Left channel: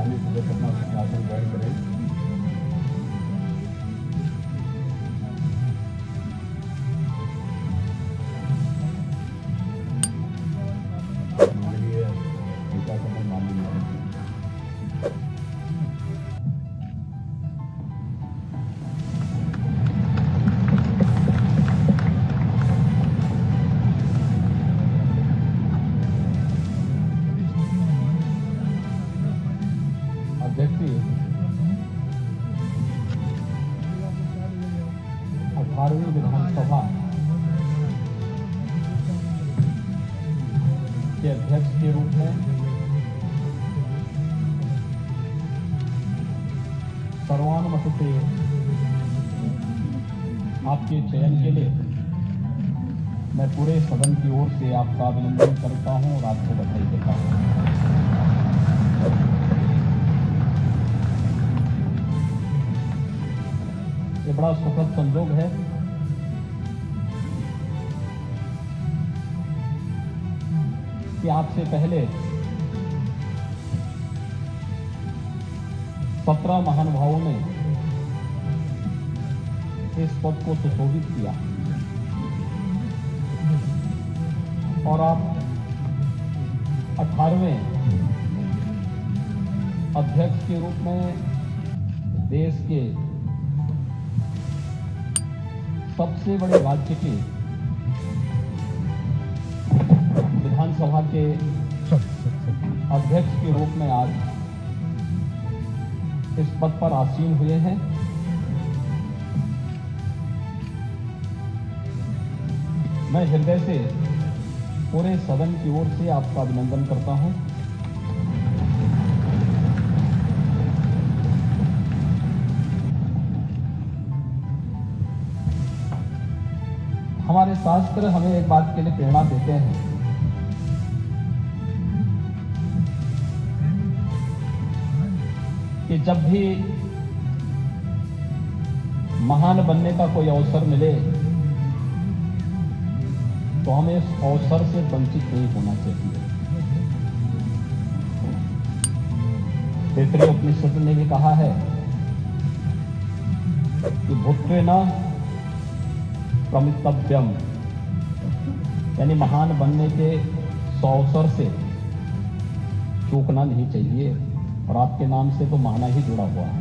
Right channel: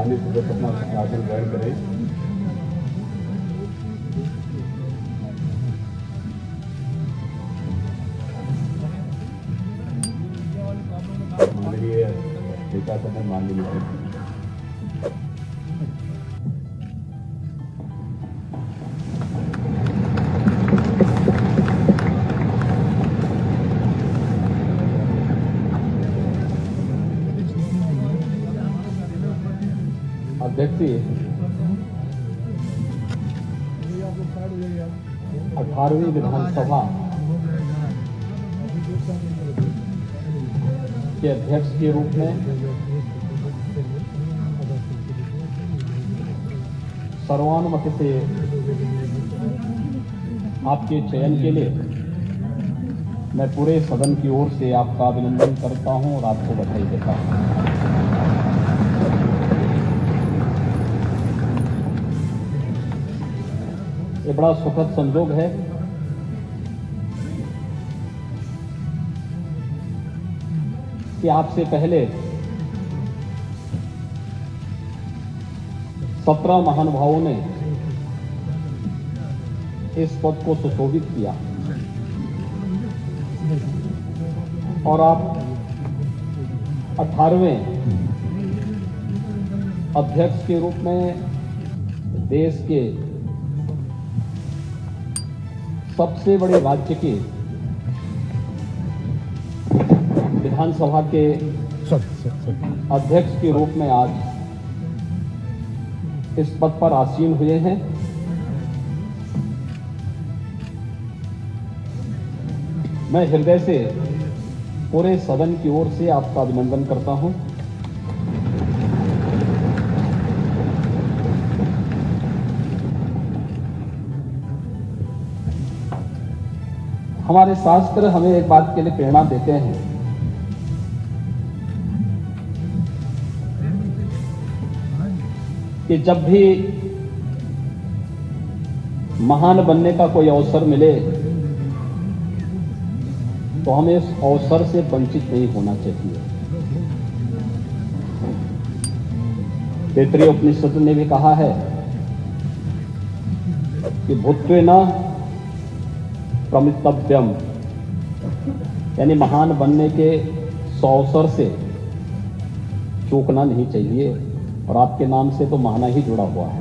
माननीय सदस्य अपना आसन ग्रहण करें। माननीय नेता सभा माननीय अध्यक्ष 18वीं विधानसभा के अध्यक्ष के रूप में सर्वानुमति से आपके चयन के लिए मैं पूरे सदन की ओर से आपका अभिनंदन करता हूं और आपसे बधाई देता हूं। ये बड़ा सुखद संयोग है कि आपसे पहले 17 महानुभावों ने इस पद को सुशोभित किया और आप 18वें अध्यक्ष के रूप में देश के सबसे बड़े राज्य के विधानसभा के अध्यक्ष के रूप में आज इस पद पर आसीन हुए हैं। मैं हृदय से पूरे सदन की ओर से आपका अभिनंदन करता हूं। हमारे शास्त्र हमें एक बात के लिए प्रेरणा देते हैं कि जब भी महान बनने का कोई अवसर मिले तो हमें इस अवसर से वंचित नहीं होना चाहिए। तैत्तिरीय उपनिषद ने भी कहा है कि भूत्वेन प्रमितव्यम, यानी महान बनने के अवसर से चूकना नहीं चाहिए। और आपके नाम से तो महाना ही जुड़ा हुआ है।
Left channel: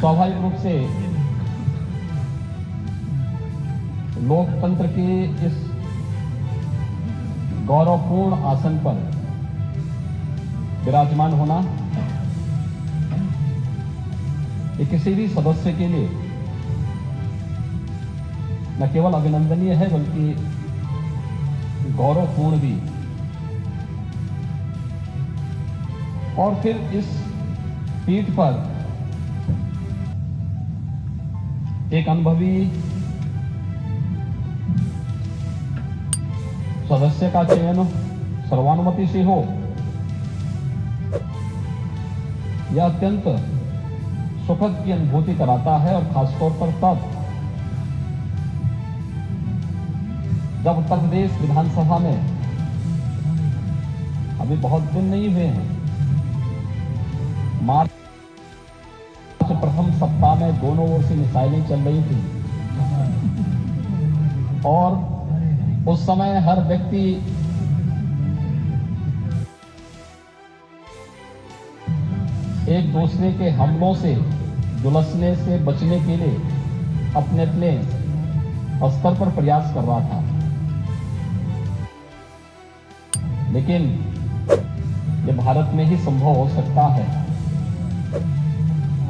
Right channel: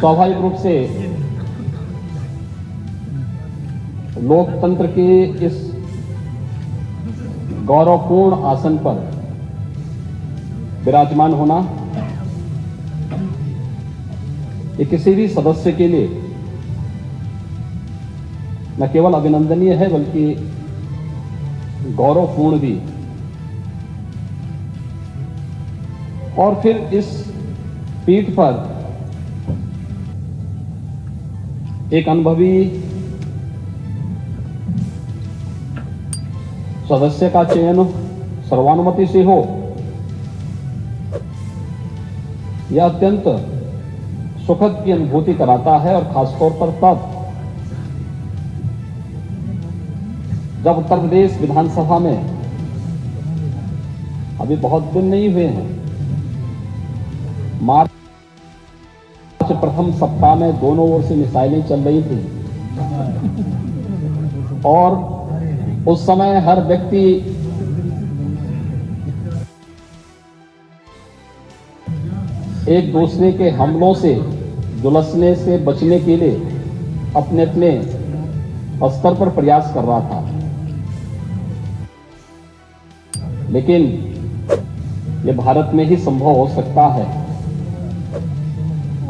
स्वाभाविक रूप से लोकतंत्र के इस गौरवपूर्ण आसन पर विराजमान होना ये किसी भी सदस्य के लिए न केवल अभिनंदनीय है बल्कि गौरवपूर्ण भी। और फिर इस पीठ पर एक अनुभवी सदस्य का चयन सर्वानुमति से हो, यह अत्यंत सुखद की अनुभूति कराता है। और खासतौर पर तब जब उत्तर प्रदेश विधानसभा में अभी बहुत दिन नहीं हुए हैं, मार्च प्रथम सप्ताह में दोनों ओर से मिसाइलें चल रही थी और उस समय हर व्यक्ति एक दूसरे के हमलों से झुलसने से बचने के लिए अपने अपने स्तर पर प्रयास कर रहा था। लेकिन यह भारत में ही संभव हो सकता है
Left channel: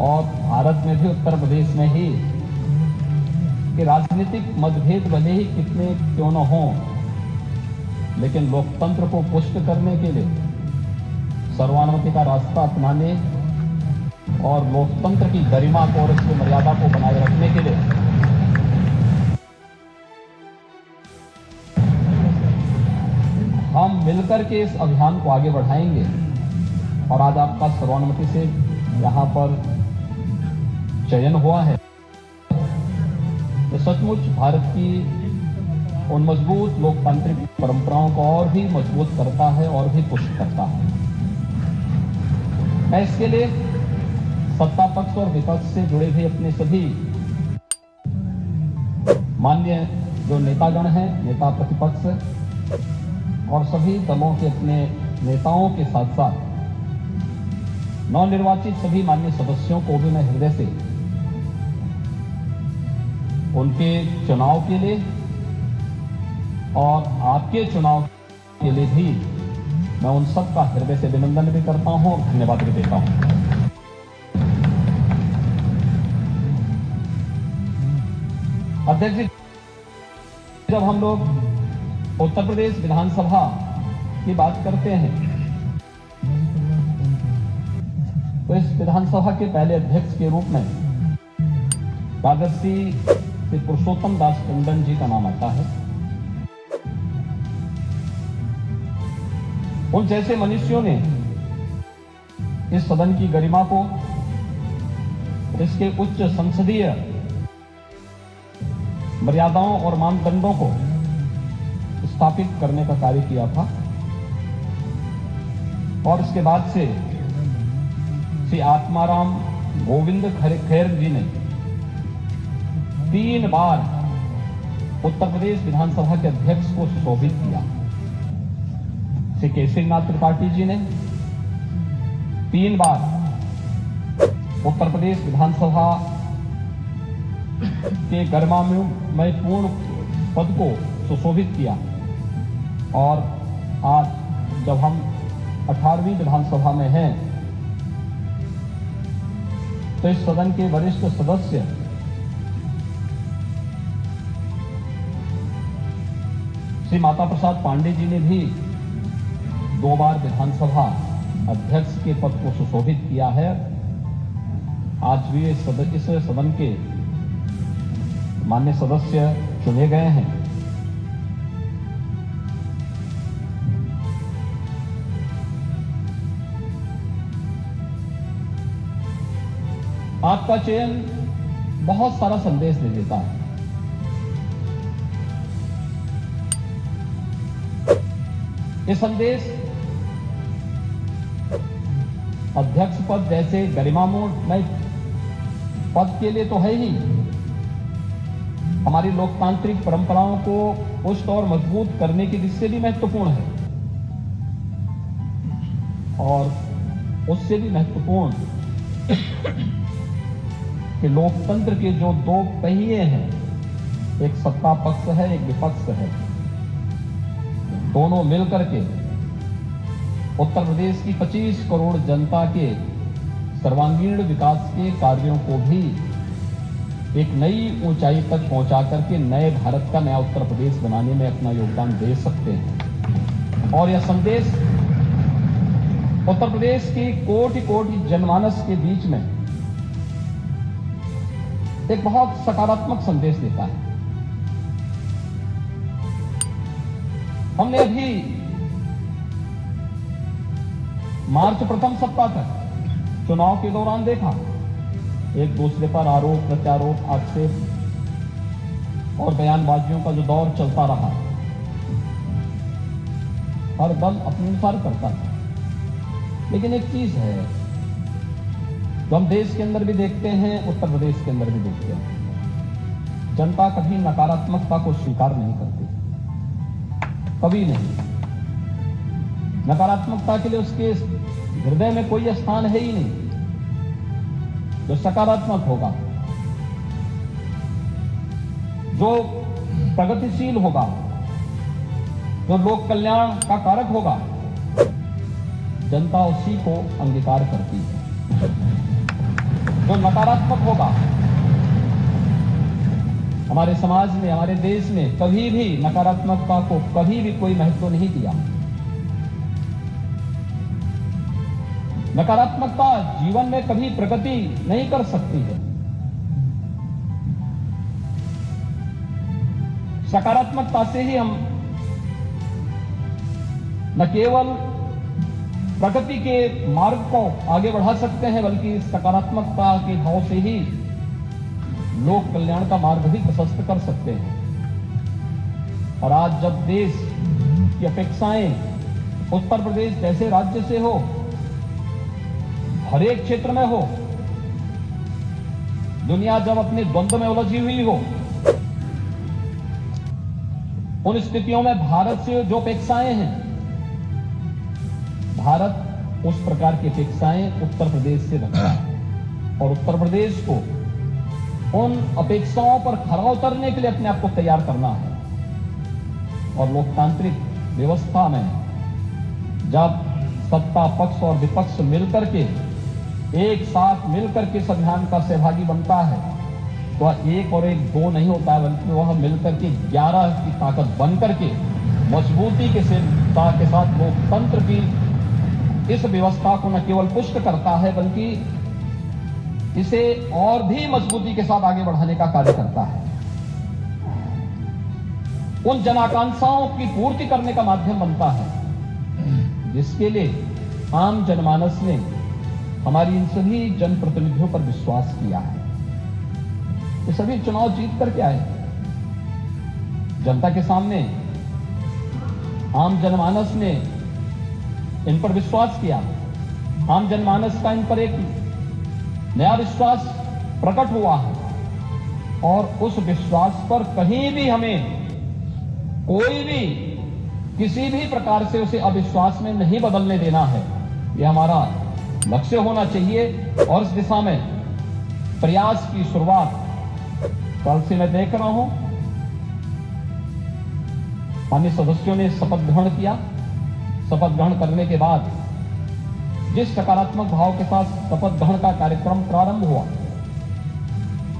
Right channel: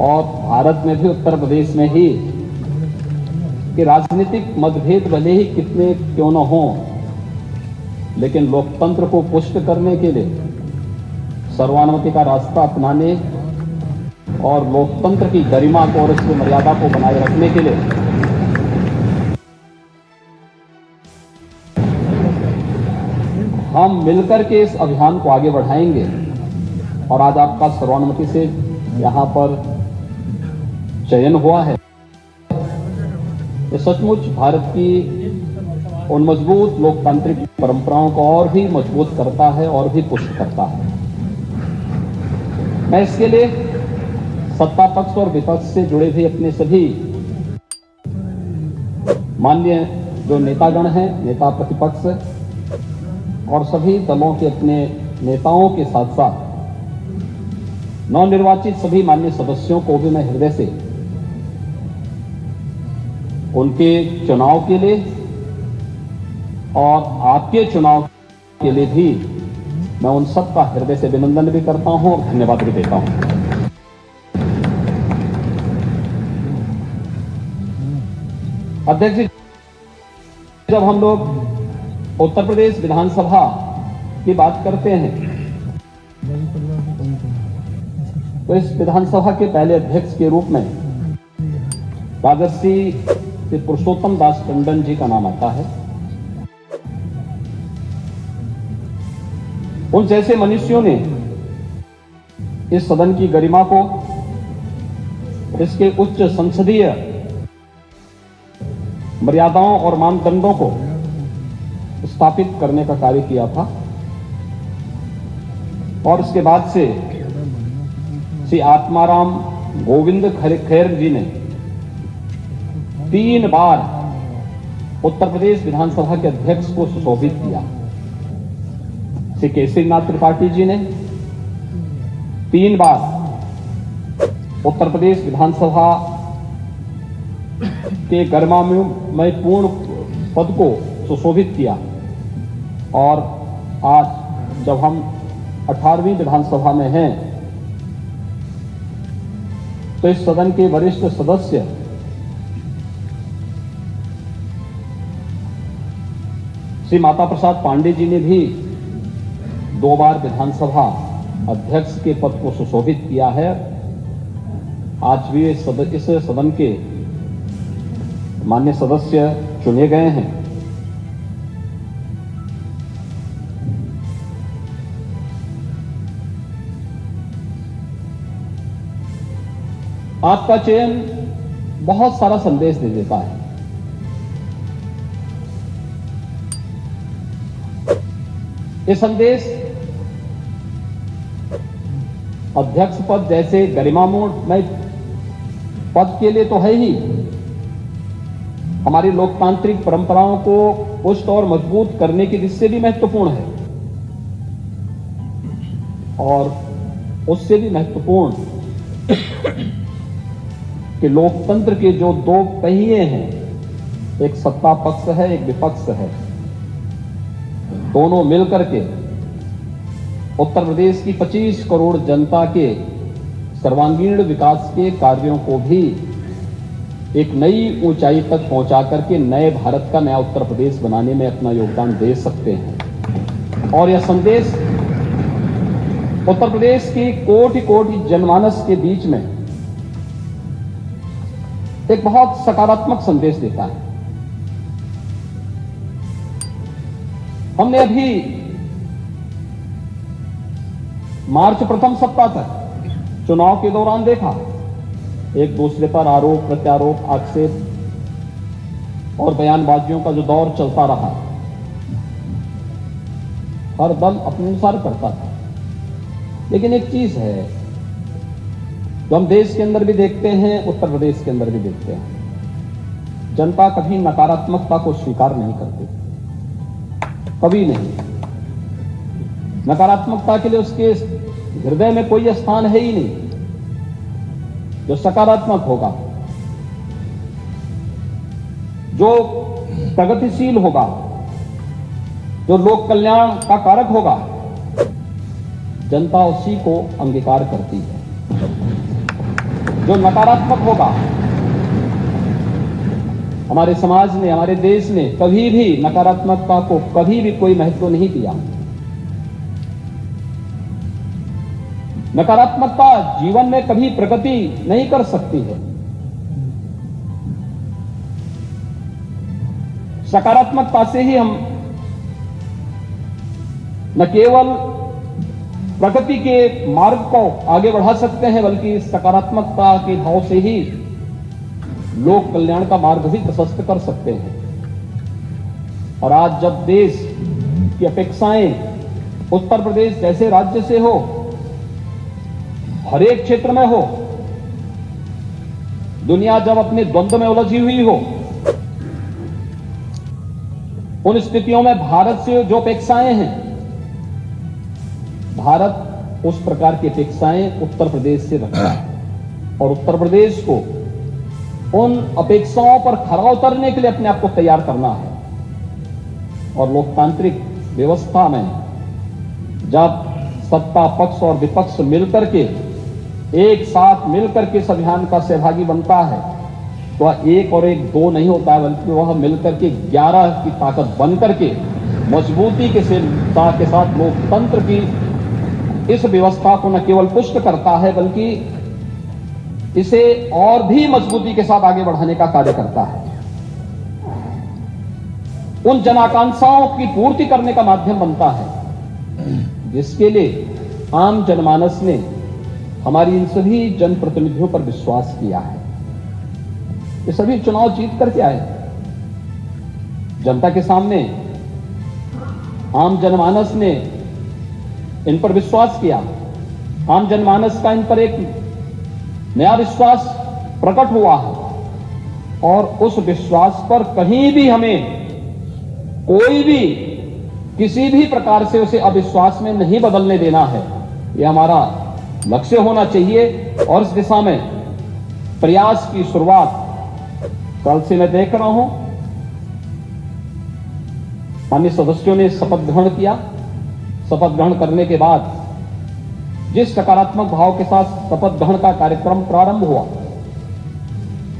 और भारत में भी उत्तर प्रदेश में ही कि राजनीतिक मतभेद भले ही कितने क्यों न हो, लेकिन लोकतंत्र को पुष्ट करने के लिए सर्वानुमति का रास्ता अपनाने और लोकतंत्र की गरिमा को और उसकी मर्यादा को बनाए रखने के लिए हम मिलकर के इस अभियान को आगे बढ़ाएंगे। और आज आपका सर्वानुमति से यहां पर चयन हुआ है। ये सचमुच भारत की उन मजबूत लोकतांत्रिक परंपराओं को और भी मजबूत करता है और भी पुष्ट करता है। मैं इसके लिए सत्ता पक्ष और विपक्ष से जुड़े हुए अपने सभी माननीय जो नेतागण हैं, नेता प्रतिपक्ष और सभी दलों के अपने नेताओं के साथ साथ नवनिर्वाचित सभी माननीय सदस्यों को भी मैं हृदय से उनके चुनाव के लिए और आपके चुनाव के लिए भी मैं उन सबका हृदय से अभिनंदन भी करता हूं और धन्यवाद भी देता हूं। अध्यक्ष जी, जब हम लोग उत्तर प्रदेश विधानसभा की बात करते हैं तो इस विधानसभा के पहले अध्यक्ष के रूप में राजर्षि श्री पुरुषोत्तम दास टंडन जी का नाम आता है। उन जैसे मनुष्यों ने इस सदन की गरिमा को, इसके उच्च संसदीय मर्यादाओं और मानदंडों को स्थापित करने का कार्य किया था और इसके बाद से श्री आत्माराम गोविंद खैर जी ने 3 बार उत्तर प्रदेश विधानसभा के अध्यक्ष को सुशोभित किया। श्री केसरीनाथ त्रिपाठी जी ने 3 बार उत्तर प्रदेश विधानसभा के गरिमामय पूर्ण पद को सुशोभित किया और आज जब हम 18वीं विधानसभा में हैं तो इस सदन के वरिष्ठ सदस्य श्री माता प्रसाद पांडे जी ने भी 2 बार विधानसभा अध्यक्ष के पद को सुशोभित किया है। आज भी इस सदन के माननीय सदस्य चुने गए हैं। आपका चयन बहुत सारा संदेश दे देता है। ये संदेश अध्यक्ष पद जैसे गरिमामय पद के लिए तो है ही, हमारी लोकतांत्रिक परंपराओं को पुष्ट और मजबूत करने की दृष्टि से भी महत्वपूर्ण है और उससे भी महत्वपूर्ण कि लोकतंत्र के जो 2 पहिए हैं, एक सत्ता पक्ष है, एक विपक्ष है, दोनों मिलकर के उत्तर प्रदेश की 25 करोड़ जनता के सर्वांगीण विकास के कार्यों को भी एक नई ऊंचाई तक पहुंचा करके नए भारत का नया उत्तर प्रदेश बनाने में अपना योगदान दे सकते हैं। और यह संदेश उत्तर प्रदेश की कोटि जनमानस के बीच में एक बहुत सकारात्मक संदेश देता है। हमने अभी मार्च प्रथम सप्ताह तक चुनाव के दौरान देखा, एक दूसरे पर आरोप प्रत्यारोप, आक्षेप और बयानबाजियों का जो दौर चलता रहा, हर दल अपने अनुसार करता था। लेकिन एक चीज है जो हम देश के अंदर भी देखते हैं, उत्तर प्रदेश के अंदर भी देखते हैं, जनता कभी नकारात्मकता को स्वीकार नहीं करती, कभी नहीं। नकारात्मकता के लिए उसके हृदय में कोई स्थान है ही नहीं। जो सकारात्मक होगा, जो प्रगतिशील होगा, जो लोक कल्याण का कारक होगा, जनता उसी को अंगीकार करती है। जो नकारात्मक होगा, हमारे समाज में, हमारे देश में कभी भी नकारात्मकता को कभी भी कोई महत्व नहीं दिया। नकारात्मकता जीवन में कभी प्रगति नहीं कर सकती है। सकारात्मकता से ही हम न केवल प्रगति के मार्ग को आगे बढ़ा सकते हैं, बल्कि सकारात्मकता के भाव से ही लोक कल्याण का मार्ग भी प्रशस्त कर सकते हैं। और आज जब देश की अपेक्षाएं उत्तर प्रदेश जैसे राज्य से हो, हर एक क्षेत्र में हो, दुनिया जब अपने द्वंद्व में उलझी हुई हो, उन स्थितियों में भारत से जो अपेक्षाएं हैं, भारत उस प्रकार की अपेक्षाएं उत्तर प्रदेश से रखता है और उत्तर प्रदेश को उन अपेक्षाओं पर खरा उतरने के लिए अपने आप को तैयार करना है। और लोकतांत्रिक व्यवस्था में जब सत्ता पक्ष और विपक्ष मिलकर के एक साथ मिलकर के इस अभियान का सहभागी बनता है तो वह 1 और 1 2 नहीं होता है, बल्कि वह मिलकर के 11 की ताकत बनकर के मजबूती के साथ लोकतंत्र की इस व्यवस्था को न केवल पुष्ट करता है बल्कि इसे और भी मजबूती के साथ आगे बढ़ाने का कार्य करता है, उन जनाकांक्षाओं की पूर्ति करने का माध्यम बनता है जिसके लिए आम जनमानस ने हमारी इन सभी जनप्रतिनिधियों पर विश्वास किया है। ये सभी चुनाव जीत करके आए जनता के सामने, आम जनमानस ने इन पर विश्वास किया, आम जनमानस का इन पर एक नया विश्वास प्रकट हुआ है और उस विश्वास पर कहीं भी हमें कोई भी किसी भी प्रकार से उसे अविश्वास में नहीं बदलने देना है। यह हमारा लक्ष्य होना चाहिए और इस दिशा में प्रयास की शुरुआत कल से मैं देख रहा हूं। अन्य सदस्यों ने शपथ ग्रहण किया। शपथ ग्रहण करने के बाद जिस सकारात्मक भाव के साथ शपथ ग्रहण का कार्यक्रम प्रारंभ हुआ,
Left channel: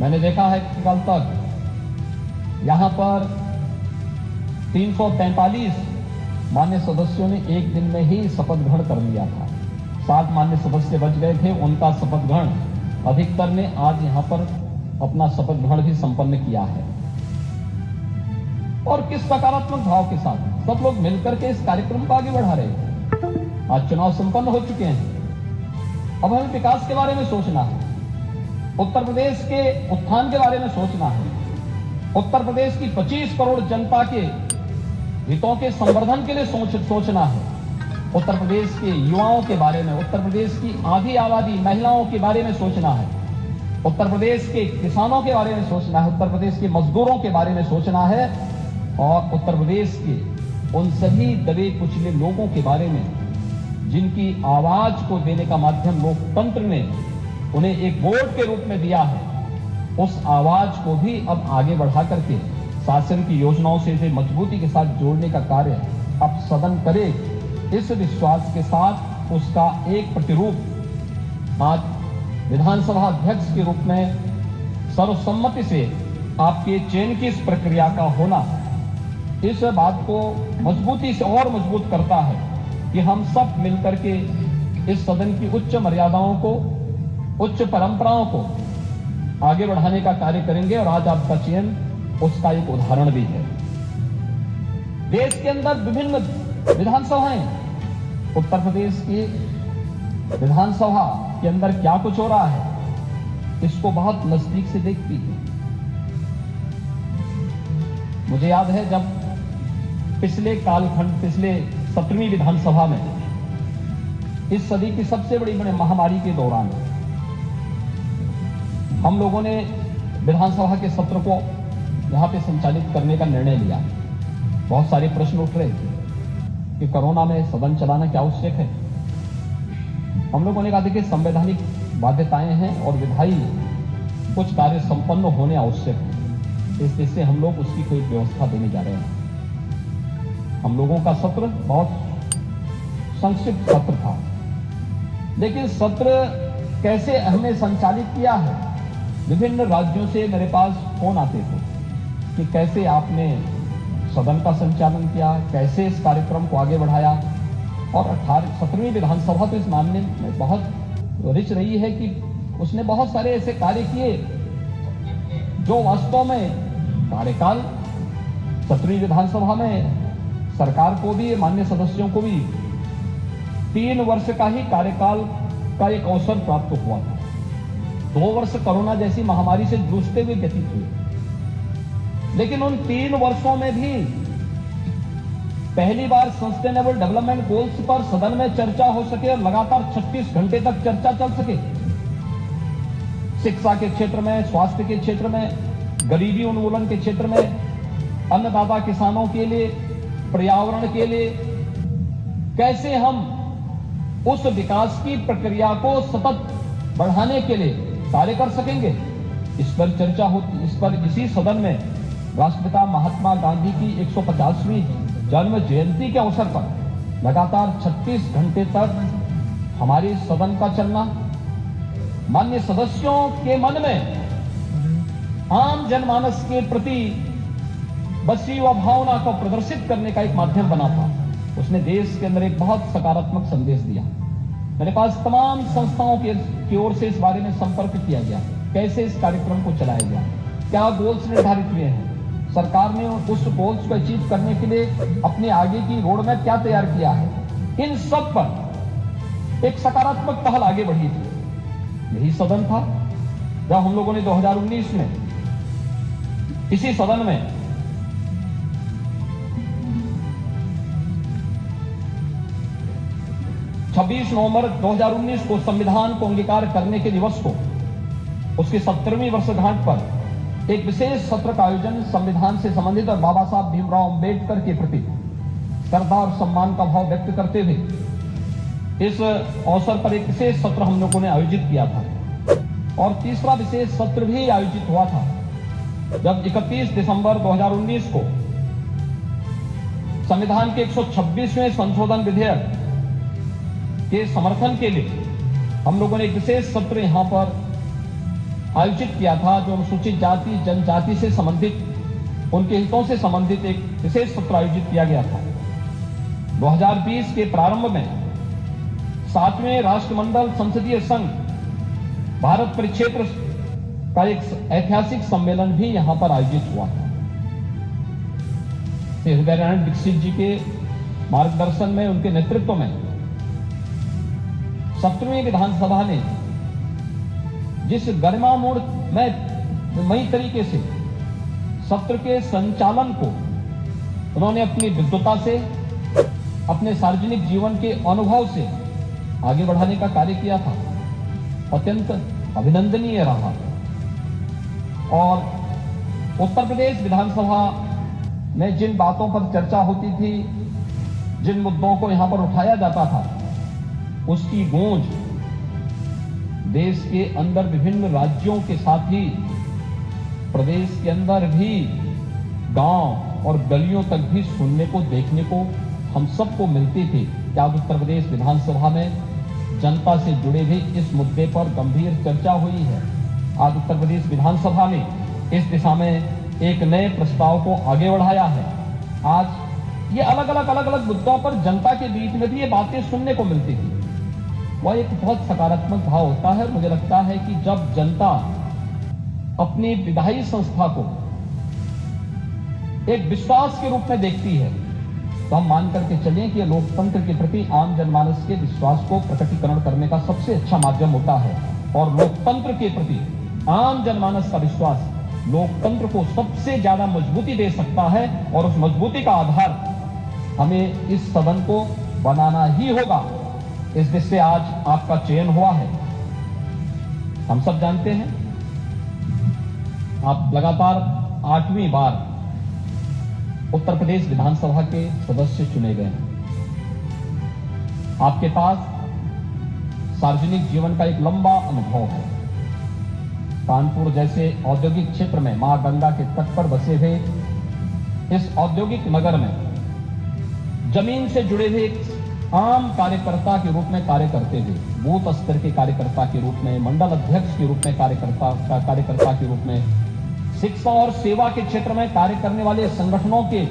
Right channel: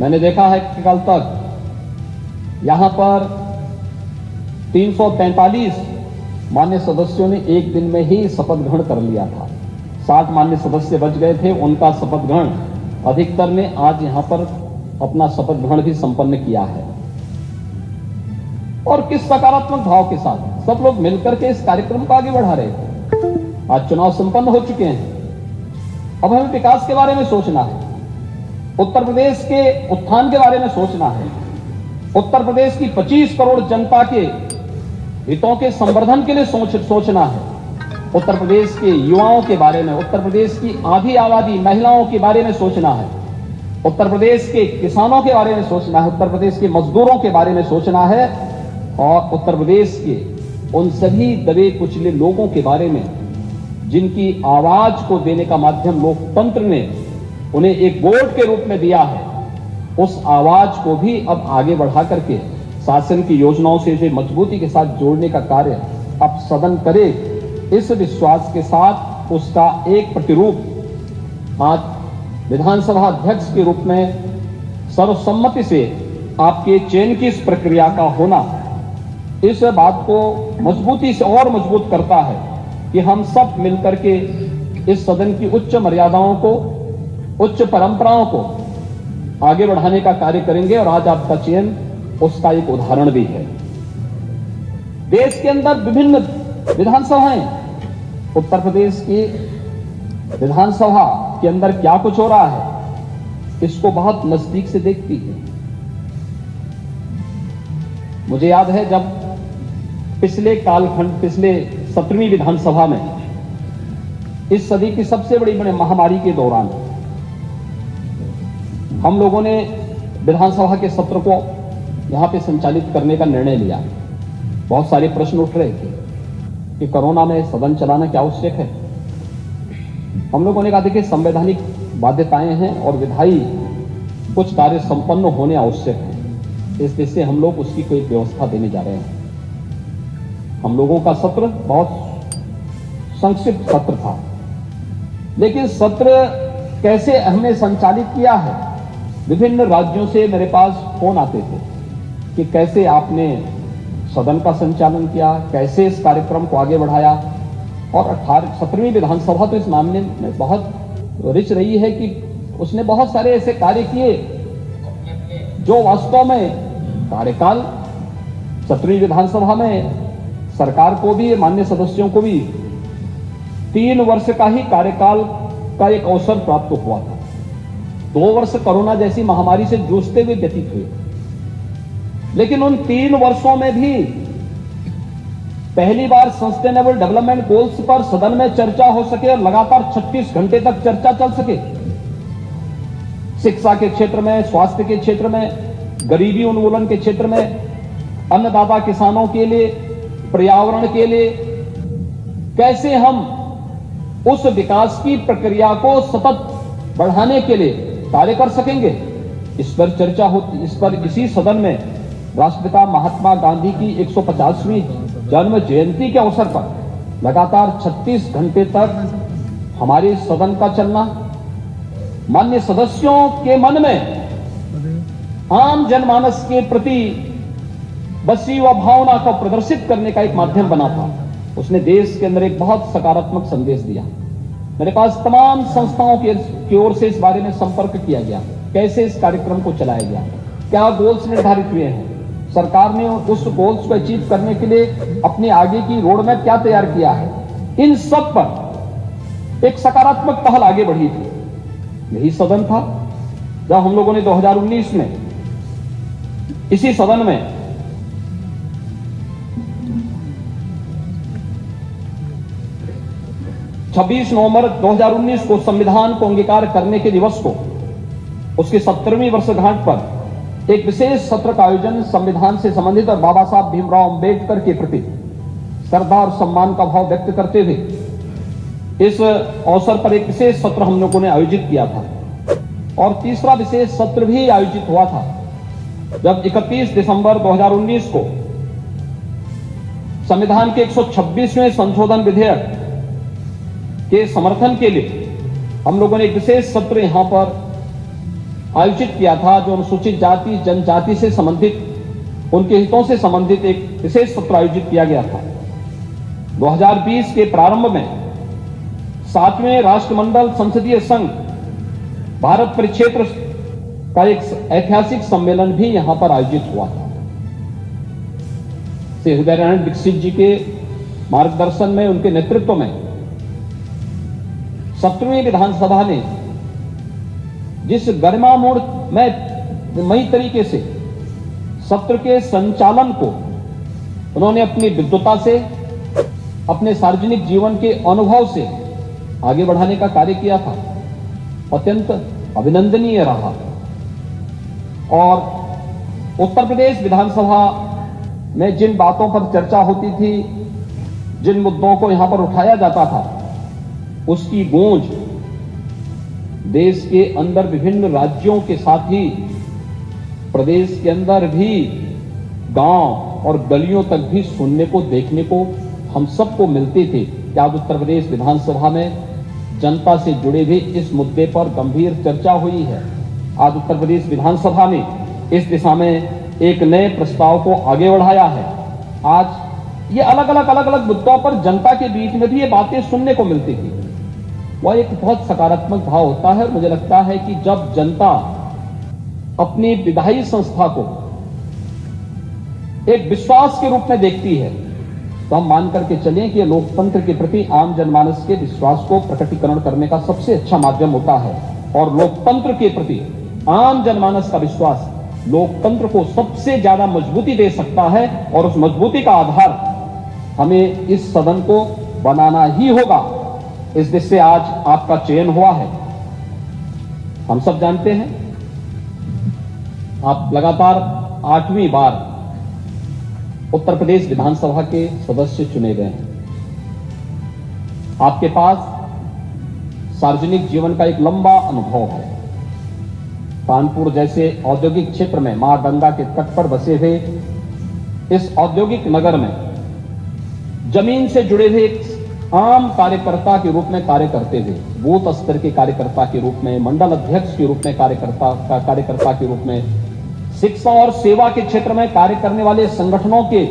मैंने देखा है कि कल तक यहां पर 345 मान्य सदस्यों ने एक दिन में ही शपथ ग्रहण कर लिया था। 7 मान्य सदस्य बच गए थे, उनका शपथ ग्रहण अधिकतर ने आज यहां पर अपना शपथ ग्रहण भी संपन्न किया है। और किस सकारात्मक भाव के साथ सब लोग मिलकर के इस कार्यक्रम को आगे बढ़ा रहे थे। आज चुनाव संपन्न हो चुके हैं, अब हमें विकास के बारे में सोचना है, उत्तर प्रदेश के उत्थान के बारे में सोचना है, उत्तर प्रदेश की 25 करोड़ जनता के हितों के संवर्धन के लिए सोचना है, उत्तर प्रदेश के युवाओं के बारे में, उत्तर प्रदेश की आधी आबादी महिलाओं के बारे में सोचना है, उत्तर प्रदेश के किसानों के बारे में सोचना है, उत्तर प्रदेश के मजदूरों के बारे में सोचना है और उत्तर प्रदेश के उन सभी दबे कुचले लोगों के बारे में जिनकी आवाज को देने का माध्यम लोकतंत्र ने उन्हें एक वोट के रूप में दिया है, उस आवाज को भी अब आगे बढ़ा करके शासन की योजनाओं से इसे मजबूती के साथ जोड़ने का कार्य अब सदन करे। इस विश्वास के साथ उसका एक प्रतिरूप आज विधानसभा अध्यक्ष के रूप में सर्वसम्मति से आपके चयन की इस प्रक्रिया का होना इस बात को मजबूती से और मजबूत करता है कि हम सब मिलकर के इस सदन की उच्च मर्यादाओं को, उच्च परंपराओं को आगे बढ़ाने का कार्य करेंगे और आज आपका चयन उसका एक उदाहरण भी है। देश के अंदर विभिन्न विधानसभाएं, उत्तर प्रदेश की विधानसभा के अंदर क्या कुछ हो रहा है इसको बहुत नजदीक से देखती है। मुझे याद है जब पिछले कालखंड, पिछले 17वीं विधानसभा में इस सदी की सबसे बड़ी महामारी के दौरान हम लोगों ने विधानसभा के सत्र को यहां पे संचालित करने का निर्णय लिया। बहुत सारे प्रश्न उठ रहे थे कि कोरोना में सदन चलाना क्या आवश्यक है। हम लोगों ने कहा देखिए संवैधानिक बाध्यताएं हैं और विधायी कुछ कार्य संपन्न होने आवश्यक है, इस वजह से हम लोग उसकी कोई व्यवस्था देने जा रहे हैं। हम लोगों का सत्र बहुत संक्षिप्त सत्र था, लेकिन सत्र कैसे हमने संचालित किया है, विभिन्न राज्यों से मेरे पास फोन आते थे कि कैसे आपने सदन का संचालन किया, कैसे इस कार्यक्रम को आगे बढ़ाया। और 17वीं विधानसभा तो इस मामले में बहुत रिच रही है कि उसने बहुत सारे ऐसे कार्य किए जो वास्तव में कार्यकाल 17वीं विधानसभा में सरकार को भी, माननीय सदस्यों को भी 3 वर्ष का ही कार्यकाल का एक अवसर प्राप्त हुआ था। 2 वर्ष कोरोना जैसी महामारी से जूझते हुए व्यतीत हुए, लेकिन उन 3 वर्षों में भी पहली बार सस्टेनेबल डेवलपमेंट गोल्स पर सदन में चर्चा हो सके और लगातार 36 घंटे तक चर्चा चल सके। शिक्षा के क्षेत्र में, स्वास्थ्य के क्षेत्र में, गरीबी उन्मूलन के क्षेत्र में, अन्नदाता किसानों के लिए, पर्यावरण के लिए कैसे हम उस विकास की प्रक्रिया को सतत बढ़ाने के लिए कार्य कर सकेंगे, इस पर चर्चा होती। इस पर इसी सदन में राष्ट्रपिता महात्मा गांधी की 150वीं जन्म जयंती के अवसर पर लगातार 36 घंटे तक हमारे सदन का चलना माननीय सदस्यों के मन में आम जनमानस के प्रति बसी व भावना को प्रदर्शित करने का एक माध्यम बना था। उसने देश के अंदर एक बहुत सकारात्मक संदेश दिया। मेरे पास तमाम संस्थाओं की ओर से इस बारे में संपर्क किया गया, कैसे इस कार्यक्रम को चलाया गया, क्या गोल्स निर्धारित हुए हैं, सरकार ने उस गोल्स को अचीव करने के लिए अपने आगे की रोड मैप क्या तैयार किया है। इन सब पर एक सकारात्मक पहल आगे बढ़ी थी। यही सदन था जब हम लोगों ने 2019 में इसी सदन में छब्बीस नवंबर 2019 को संविधान को अंगीकार करने के दिवस को, उसकी 70वीं वर्षगांठ पर एक विशेष सत्र का आयोजन संविधान से संबंधित और बाबा साहब भीमराव अंबेडकर के प्रति श्रद्धा और सम्मान का भाव व्यक्त करते हुए इस अवसर पर एक विशेष सत्र हम लोगों ने आयोजित किया था। और तीसरा विशेष सत्र भी आयोजित हुआ था जब 31 दिसंबर 2019 को संविधान के 126वें संशोधन विधेयक के समर्थन के लिए हम लोगों ने एक विशेष सत्र यहां पर आयोजित किया था, जो अनुसूचित जाति जनजाति से संबंधित, उनके हितों से संबंधित एक विशेष सत्र आयोजित किया गया था। 2020 के प्रारंभ में 7वें राष्ट्रमंडल संसदीय संघ भारत परिक्षेत्र का एक ऐतिहासिक सम्मेलन भी यहां पर आयोजित हुआ था। श्री हृदय नारायण दीक्षित जी के मार्गदर्शन में, उनके नेतृत्व में 17वीं विधानसभा ने जिस गरिमामयी तरीके से सत्र के संचालन को उन्होंने अपनी विद्वता से, अपने सार्वजनिक जीवन के अनुभव से आगे बढ़ाने का कार्य किया था, अत्यंत अभिनंदनीय रहा। और उत्तर प्रदेश विधानसभा में जिन बातों पर चर्चा होती थी, जिन मुद्दों को यहां पर उठाया जाता था, उसकी गूंज देश के अंदर विभिन्न राज्यों के साथ ही प्रदेश के अंदर भी गांव और गलियों तक भी सुनने को, देखने को हम सबको मिलते थे कि आज उत्तर प्रदेश विधानसभा में जनता से जुड़े भी इस मुद्दे पर गंभीर चर्चा हुई है। आज उत्तर प्रदेश विधानसभा में इस दिशा में एक नए प्रस्ताव को आगे बढ़ाया है। आज ये अलग अलग मुद्दों पर जनता के बीच में भी ये बातें सुनने को मिलती थी। वह एक बहुत सकारात्मक भाव होता है। मुझे लगता है कि जब जनता अपनी विधायी संस्था को एक विश्वास के रूप में देखती है, तो हम मान करके चलें कि लोकतंत्र के प्रति आम जनमानस के विश्वास को प्रकटीकरण करने का सबसे अच्छा माध्यम होता है। और लोकतंत्र के प्रति आम जनमानस का विश्वास लोकतंत्र को सबसे ज्यादा मजबूती दे सकता है, और उस मजबूती का आधार हमें इस सदन को बनाना ही होगा। इस देश से आज आपका चयन हुआ है। हम सब जानते हैं आप लगातार 8वीं बार उत्तर प्रदेश विधानसभा के सदस्य चुने गए हैं। आपके पास सार्वजनिक जीवन का एक लंबा अनुभव है। कानपुर जैसे औद्योगिक क्षेत्र में मां गंगा के तट पर बसे हुए इस औद्योगिक नगर में जमीन से जुड़े हुए आम कार्यकर्ता के रूप में कार्य करते हुए, बूथ स्तर के कार्यकर्ता के रूप में, मंडल अध्यक्ष के रूप में कार्यकर्ता के रूप में, शिक्षा और सेवा के क्षेत्र में कार्य करने वाले संगठनों के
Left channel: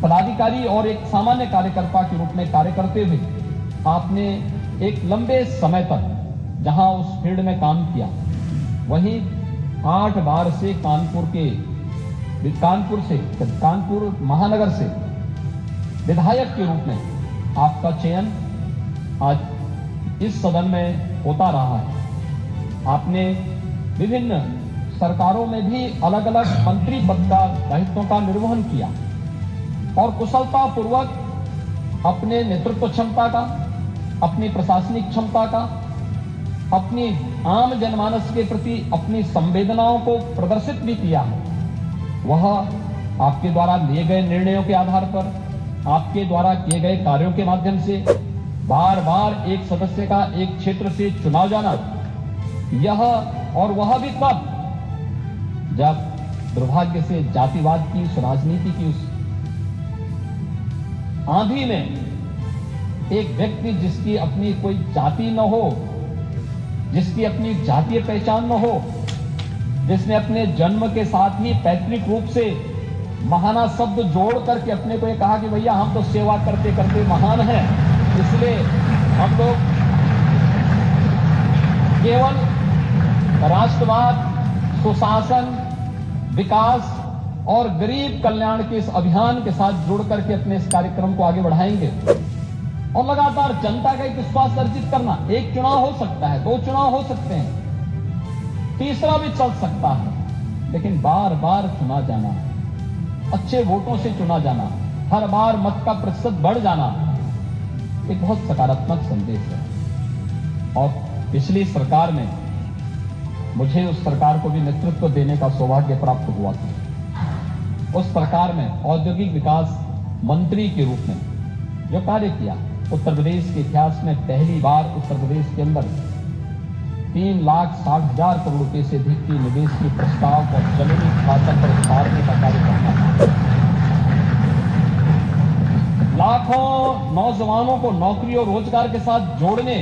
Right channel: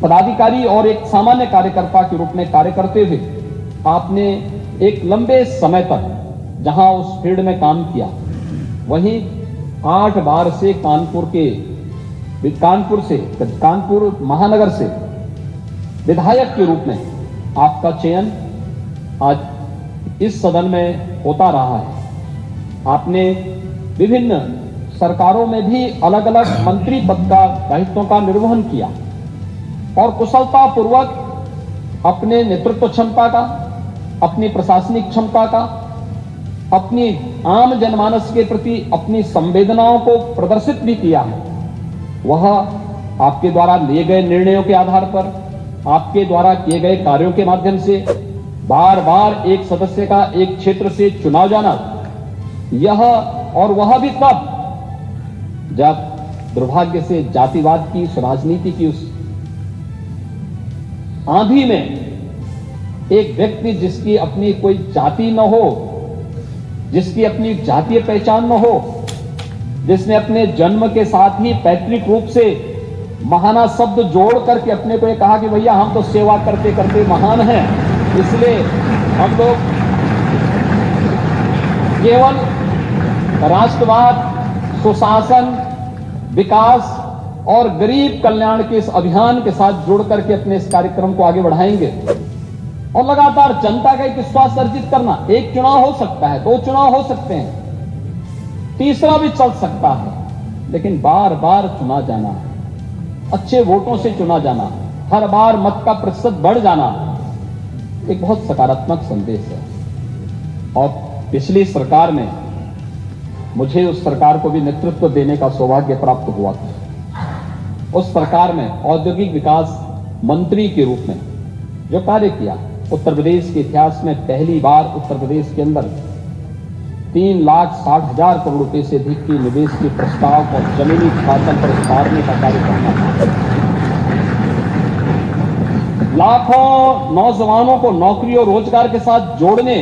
पदाधिकारी और एक सामान्य कार्यकर्ता के रूप में कार्य करते हुए आपने एक लंबे समय तक जहां उस फील्ड में काम किया, वहीं 8 बार से कानपुर महानगर से विधायक के रूप में आपका चयन आज इस सदन में होता रहा है। आपने विभिन्न सरकारों में भी अलग अलग मंत्री पद का दायित्वों का निर्वहन किया। और कुशलतापूर्वक अपने नेतृत्व क्षमता का, अपनी प्रशासनिक क्षमता का, अपनी आम जनमानस के प्रति अपनी संवेदनाओं को प्रदर्शित भी किया है। वह आपके द्वारा लिए गए निर्णयों के आधार पर, आपके द्वारा किए गए कार्यों के माध्यम से बार बार एक सदस्य का एक क्षेत्र से चुना जाना, यह और वह भी तब जब दुर्भाग्य से जातिवाद की, उस राजनीति की उस आंधी में एक व्यक्ति जिसकी अपनी कोई जाति न हो, जिसकी अपनी जातीय पहचान न हो, जिसने अपने जन्म के साथ ही पैतृक रूप से महाना शब्द जोड़ करके अपने को ये कहा कि भैया हम तो सेवा करते करते महान हैं, इसलिए हम लोग केवल राष्ट्रवाद, सुशासन, विकास और गरीब कल्याण के इस अभियान के साथ जोड़ करके अपने इस कार्यक्रम को आगे बढ़ाएंगे और लगातार जनता का एक विश्वास अर्जित करना। एक चुनाव हो सकता है, 2 चुनाव हो सकते हैं, तीसरा भी चल सकता है, लेकिन बार बार चुना जाना, अच्छे वोटों से चुना जाना, हर बार मत का प्रतिशत बढ़ जाना, एक बहुत सकारात्मक संदेश है। और पिछली सरकार में मुझे उस सरकार को भी नेतृत्व देने का सौभाग्य प्राप्त हुआ था। उस सरकार में औद्योगिक विकास मंत्री के रूप में जो कार्य किया, उत्तर प्रदेश के इतिहास में पहली बार उत्तर प्रदेश के अंदर 3,60,000 करोड़ रुपए से अधिक के निवेश के प्रस्ताव और जमीनी शासन पर उतारने का कार्य करना था। लाखों नौजवानों को नौकरी और रोजगार के साथ जोड़ने,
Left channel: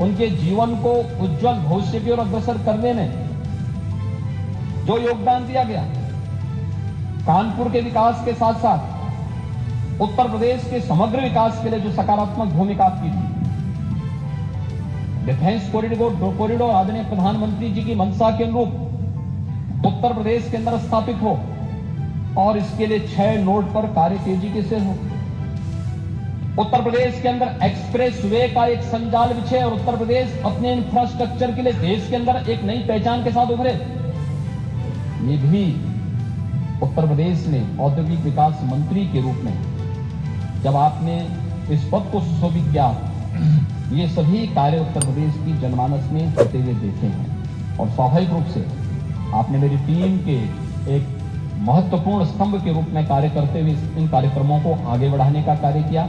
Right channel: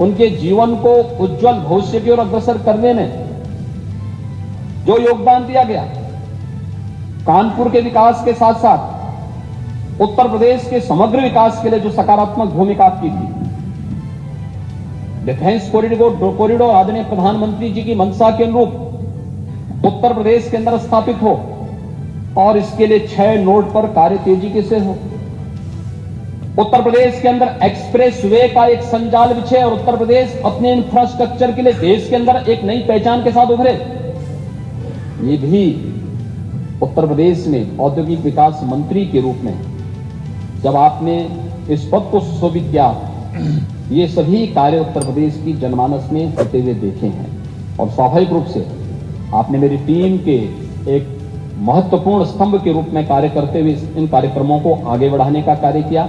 उनके जीवन को उज्जवल भविष्य की ओर अग्रसर करने में जो योगदान दिया गया, कानपुर के विकास के साथ साथ उत्तर प्रदेश के समग्र विकास के लिए जो सकारात्मक भूमिका आपकी थी, डिफेंस कॉरिडोर आदरणीय प्रधानमंत्री जी की मंशा के अनुरूप उत्तर प्रदेश के अंदर स्थापित हो और इसके लिए 6 नोड पर कार्य तेजी से हो। उत्तर प्रदेश के अंदर एक्सप्रेस वे का एक संजाल बिछे और उत्तर प्रदेश अपने इंफ्रास्ट्रक्चर के लिए देश के अंदर एक नई पहचान के साथ उभरे। ये भी उत्तर प्रदेश में औद्योगिक विकास मंत्री के रूप में जब आपने इस पद को सुशोभित किया, ये सभी कार्य उत्तर प्रदेश की जनमानस में होते हुए देखे हैं और स्वाभाविक रूप से आपने मेरी टीम के एक महत्वपूर्ण स्तंभ के रूप में कार्य करते हुए इन कार्यक्रमों को आगे बढ़ाने का कार्य किया।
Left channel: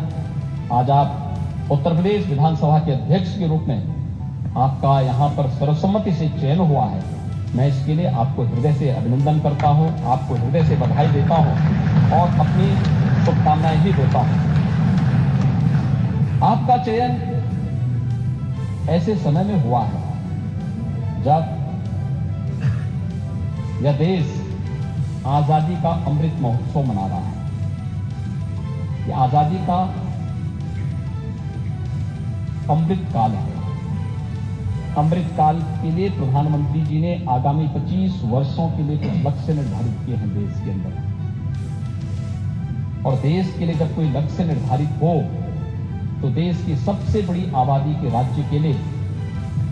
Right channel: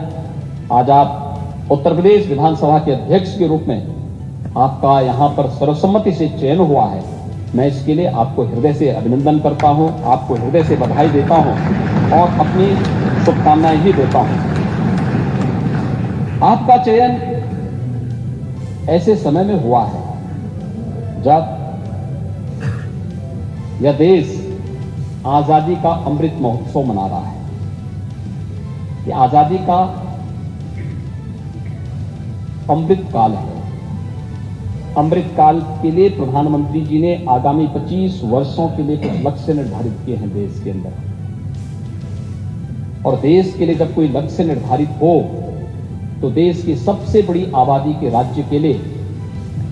आज आप उत्तर प्रदेश विधानसभा के अध्यक्ष के रूप में आपका यहां पर सर्वसम्मति से चयन हुआ है। मैं इसके लिए आपको हृदय से अभिनंदन करता हूं, आपको हृदय से बधाई देता हूं और अपनी शुभकामनाएं भी देता हूं। आपका चयन ऐसे समय में हुआ है जब यह देश आजादी का अमृत महोत्सव मना रहा है। यह आजादी का अमृत काल है। अमृत काल के लिए प्रधानमंत्री जी ने आगामी 25 वर्षों के लिए कुछ लक्ष्य निर्धारित किए हैं देश के अंदर। और देश के लिए जब कोई लक्ष्य निर्धारित हो तो देश की सबसे बड़ी आबादी के राज्य के लिए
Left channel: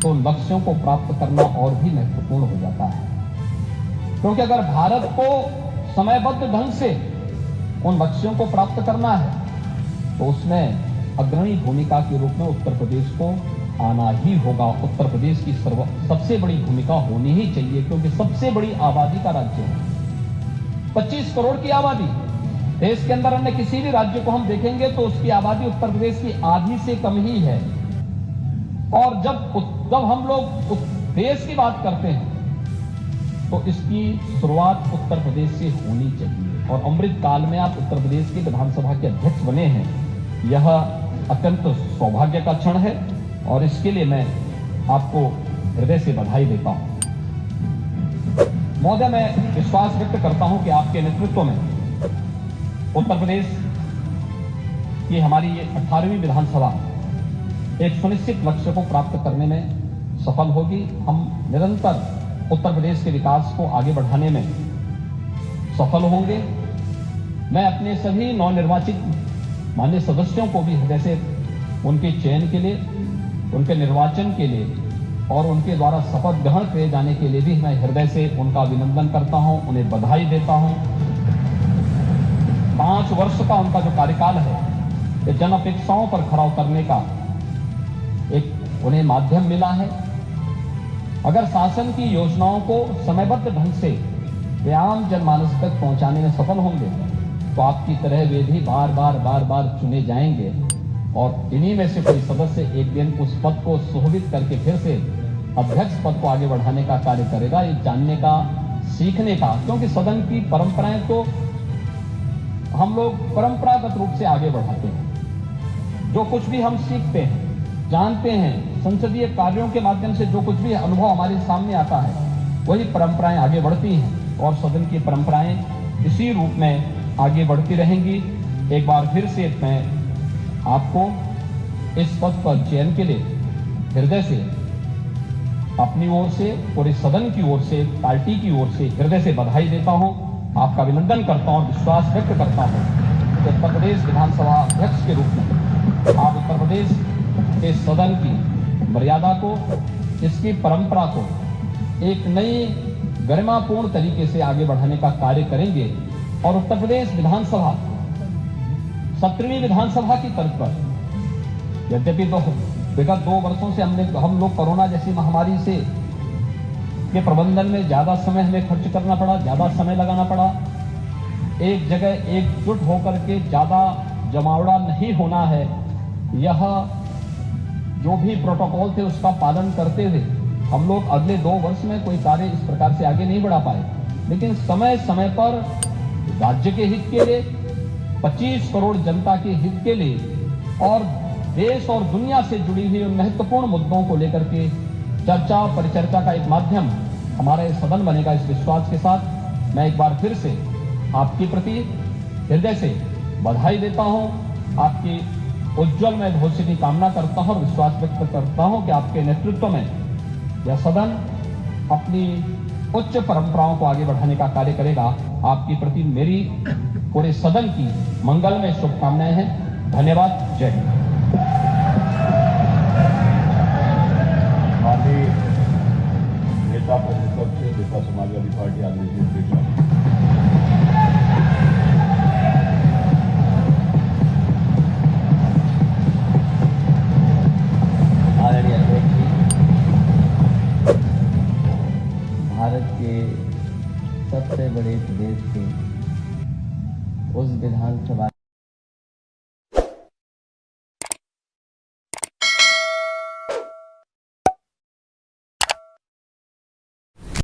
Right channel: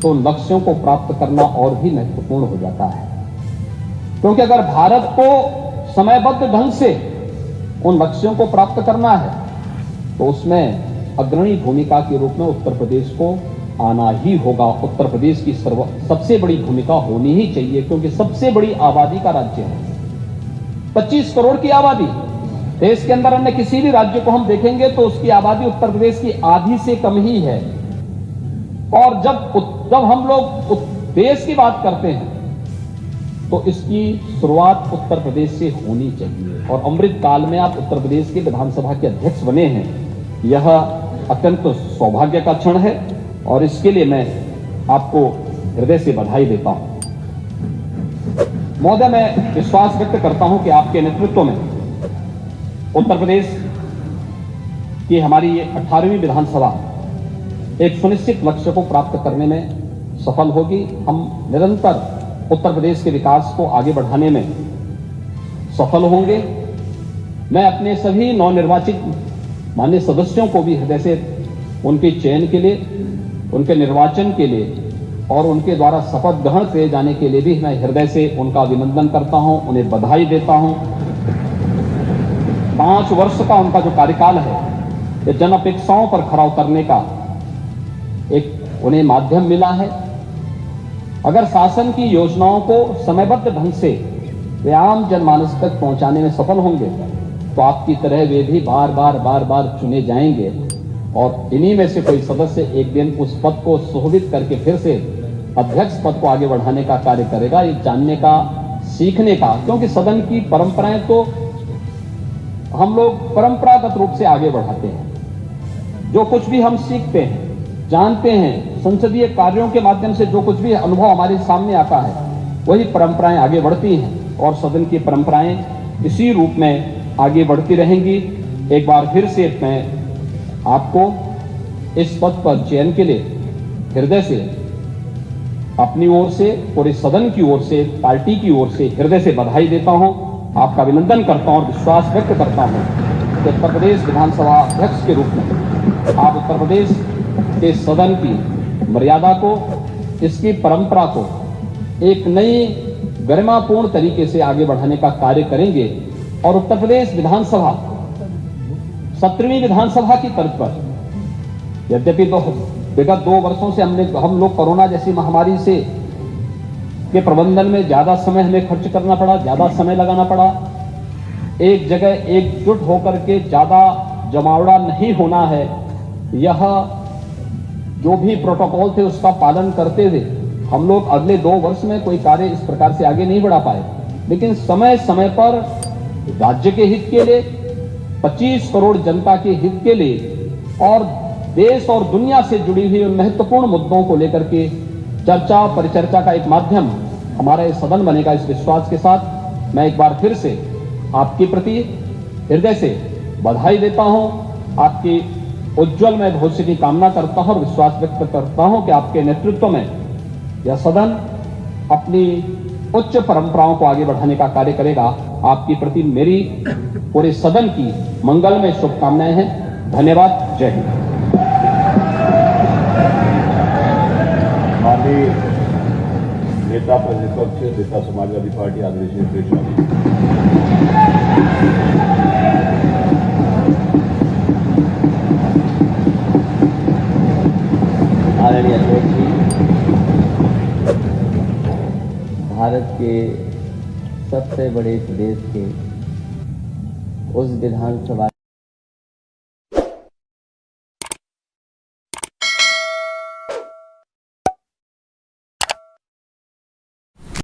तो लक्ष्यों को प्राप्त करना और भी महत्वपूर्ण हो जाता है, क्योंकि अगर भारत को समयबद्ध ढंग से उन लक्ष्यों को प्राप्त करना है तो उसमें अग्रणी भूमिका के रूप में उत्तर प्रदेश को आना ही होगा। उत्तर प्रदेश की सबसे बड़ी भूमिका होनी ही चाहिए, क्योंकि सबसे बड़ी आबादी का राज्य है। 25 करोड़ की आबादी देश के अंदर, अन्य किसी भी राज्य को हम देखेंगे तो उसकी आबादी उत्तर प्रदेश की आधी से कम ही है। और जब हम लोग देश की बात करते हैं तो इसकी शुरुआत उत्तर प्रदेश से होनी चाहिए। और अमृत काल में आप उत्तर प्रदेश के विधानसभा के अध्यक्ष बने हैं, यह अत्यंत सौभाग्य का क्षण है और इसके लिए मैं आपको हृदय से बधाई देता हूं। महोदय, मैं विश्वास व्यक्त करता हूं कि आपके नेतृत्व में उत्तर प्रदेश की हमारी 18वीं विधानसभा एक सुनिश्चित लक्ष्य को प्राप्त करने में सफल होगी। हम निरंतर उत्तर प्रदेश के विकास को आगे बढ़ाने में सफल होंगे। मैं अपने सभी नवनिर्वाचित माननीय सदस्यों को भी हृदय से उनके चयन के लिए, उनके निर्वाचन के लिए और उनके द्वारा शपथ ग्रहण किए जाने के लिए भी मैं हृदय से उनका अभिनंदन करता हूं, उन्हें बधाई देता हूं। 5 वर्ष का उनका जो कार्यकाल है, ये जन अपेक्षाओं पर खरा उतरने का एक उन्हें माध्यम मिला है। अगर शासन की योजनाओं को समयबद्ध ढंग से वे आम जनमानस तक पहुंचाने में सफल होंगे तो आपकी तरह वे भी बार बार चुने जाएंगे और इन्हीं में से कोई सदस्य एक दिन उस पद को सुशोभित करके फिर से अध्यक्ष पद को आगे बढ़ाने का कार्य करेगा। ये जानने का, सीखने का, क्योंकि सदन की परंपराएं तो हम लोग परंपरागत रूप से आगे बढ़ाते हैं। जो कुछ भी हम सीखते हैं, जानते हैं, संसदीय कार्यों के माध्यम से जो कुछ भी अनुभव हमारे सामने आता है, वही परंपराएं आगे बढ़ती हैं और सदन की परंपराएं इसी रूप में आगे बढ़ती रहेंगी। एक बार फिर से मैं आपको इस पद पर चयन के लिए हृदय से, अपनी ओर से, पूरे सदन की ओर से, पार्टी की ओर से हृदय से बधाई देता हूं, आपका अभिनंदन करता हूं और विश्वास व्यक्त करता हूं कि उत्तर प्रदेश विधानसभा अध्यक्ष के रूप में आप उत्तर प्रदेश के सदन की मर्यादा को, इसकी परंपरा को एक नई गरिमापूर्ण तरीके से आगे बढ़ाने का कार्य करेंगे और उत्तर प्रदेश विधानसभा 17वीं विधानसभा की तर्ज पर, यद्यपि विगत 2 वर्षों से हम लोग कोरोना जैसी महामारी से के प्रबंधन में ज्यादा समय हमें खर्च करना पड़ा, ज्यादा समय लगाना पड़ा, एक जगह एकजुट होकर के ज्यादा जमावड़ा नहीं होना है, यह जो भी प्रोटोकॉल थे उसका पालन करते हुए हम लोग अगले 2 वर्ष में कोई कार्य इस प्रकार से आगे नहीं बढ़ा पाए। लेकिन समय समय पर राज्य के हित के लिए, 25 करोड़ जनता के हित के लिए और देश और दुनिया से जुड़ी हुई उन महत्वपूर्ण मुद्दों को लेकर के चर्चा परिचर्चा का एक माध्यम हमारा ये सदन बनेगा। इस विश्वास के साथ मैं एक बार फिर से आपके प्रति हृदय से बधाई देता हूं, आपकी उज्जवलमय भविष्य की कामना करता हूं और विश्वास व्यक्त करता हूं कि आपके नेतृत्व में यह सदन अपनी उच्च परंपराओं को आगे बढ़ाने का कार्य करेगा। आपके प्रति मेरी पूरे सदन की मंगलमय शुभकामनाएं हैं। धन्यवाद। जय हिंद। माननीय नेता प्रतिपक्ष से नेता समाजवादी पार्टी आदरणीय अध्यक्ष जी, भारत के सबसे बड़े प्रदेश के उस विधानसभा